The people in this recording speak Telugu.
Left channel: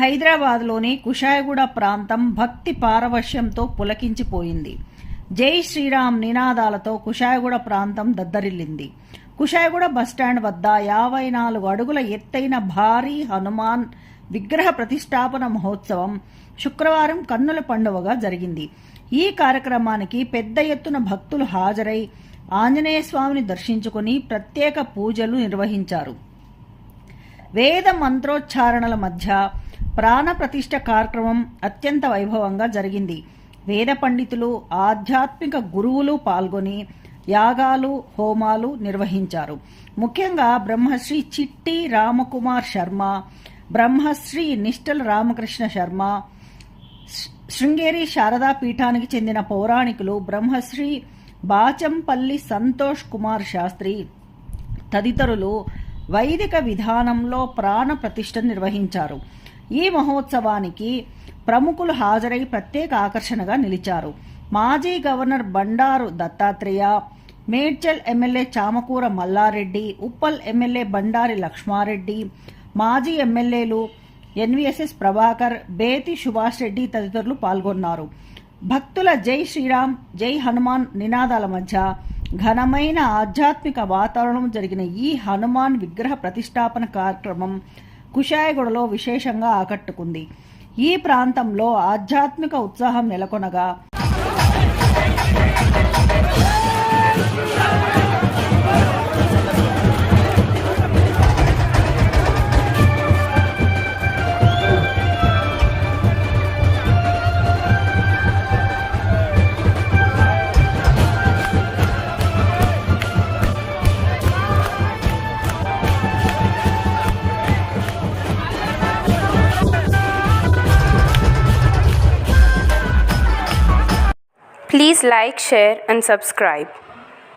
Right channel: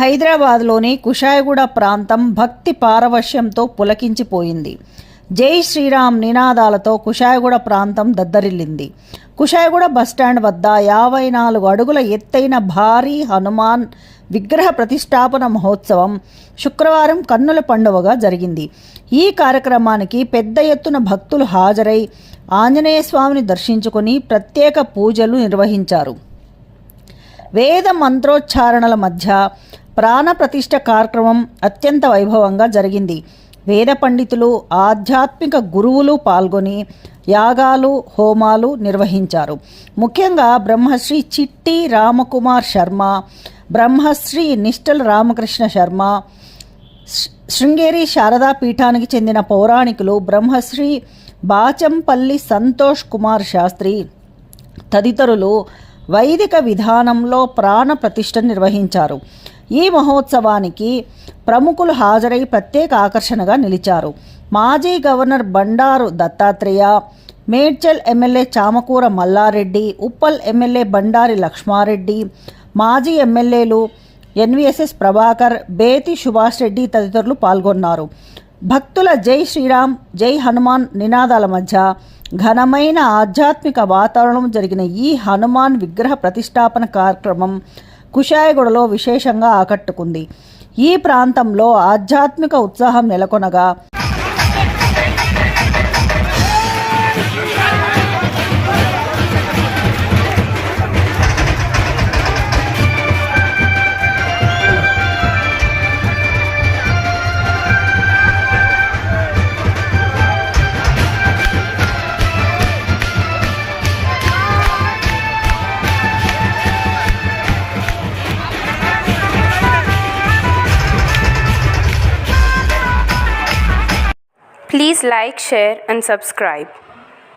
హైదరాబాద్లోని కుషాయిగూడ ప్రాంతం భక్తి పారవశ్యంతో పులకించిపోయింది. జై శ్రీరామ్ నినాదాలతో కుషాయిగూడ ప్రాంతం దద్దరిల్లింది. కుషాయిగూడ బస్టాండ్ వద్ద 54 అడుగుల ఎత్తైన భారీ హనుమాన్ విగ్రహ ప్రతిష్టాపన మహోత్సవం శుక్రవారం కన్నుల పండువగా జరిగింది. ఈ కార్యక్రమానికి పెద్ద ఎత్తున భక్తులు హాజరై ఆంజనేయ స్వామిని దర్శించుకుని ప్రత్యేక పూజలు నిర్వహించారు. వేద మంత్రోచ్చారణల మధ్య ప్రాణ ప్రతిష్ఠ కార్యక్రమం అత్యంత వైభవంగా జరిగింది. వేద పండితులు, ఆధ్యాత్మిక గురువులు పాల్గొని యాగాలు, హోమాలు నిర్వహించారు. ముఖ్యంగా బ్రహ్మశ్రీ చిట్టి రామకుమార్ శర్మ, బ్రహ్మశ్రీ నిష్టల్ రామకృష్ణ శర్మ, శృంగేరి శారదా పీఠానికి చెందిన పౌరాణికులు బ్రహ్మశ్రీ బాచంపల్లి సంతోష్ కుమార్ శాస్త్రి తదితరులు వైదిక విధానంలో ప్రాణ ప్రతిష్ఠ నిర్వహించారు. ఈ మహోత్సవానికి ప్రముఖులు హాజరై ప్రత్యేక ఆకర్షణగా నిలిచారు. మాజీ governor Bandaru Dattatreya, Medchal MLA Chamakura Mallareddy, Uppal MLA Bandari Lakshmareddy, మాజీ ఎమ్మెల్యేలు ఎన్వీఎస్ఎస్ ప్రభాకర్, బేతి సుభాష్ రెడ్డి తదితరులు పాల్గొన్నారు. భక్తుల జై శ్రీరామ్, జై హనుమాన్ నినాదాల మధ్య ఘనమైన ఆధ్యాత్మిక వాతావరణం జరిగిన ఈ హనుమాన్ విగ్రహ ప్రతిష్టాపన కార్యక్రమం కుషాయిగూడలో విశేషంగా ఆకట్టుకుంది. ఈ ప్రాంతంలో ఆధ్యాత్మిక ఉత్సాహం నెలకొనగా Please like, share and subscribe.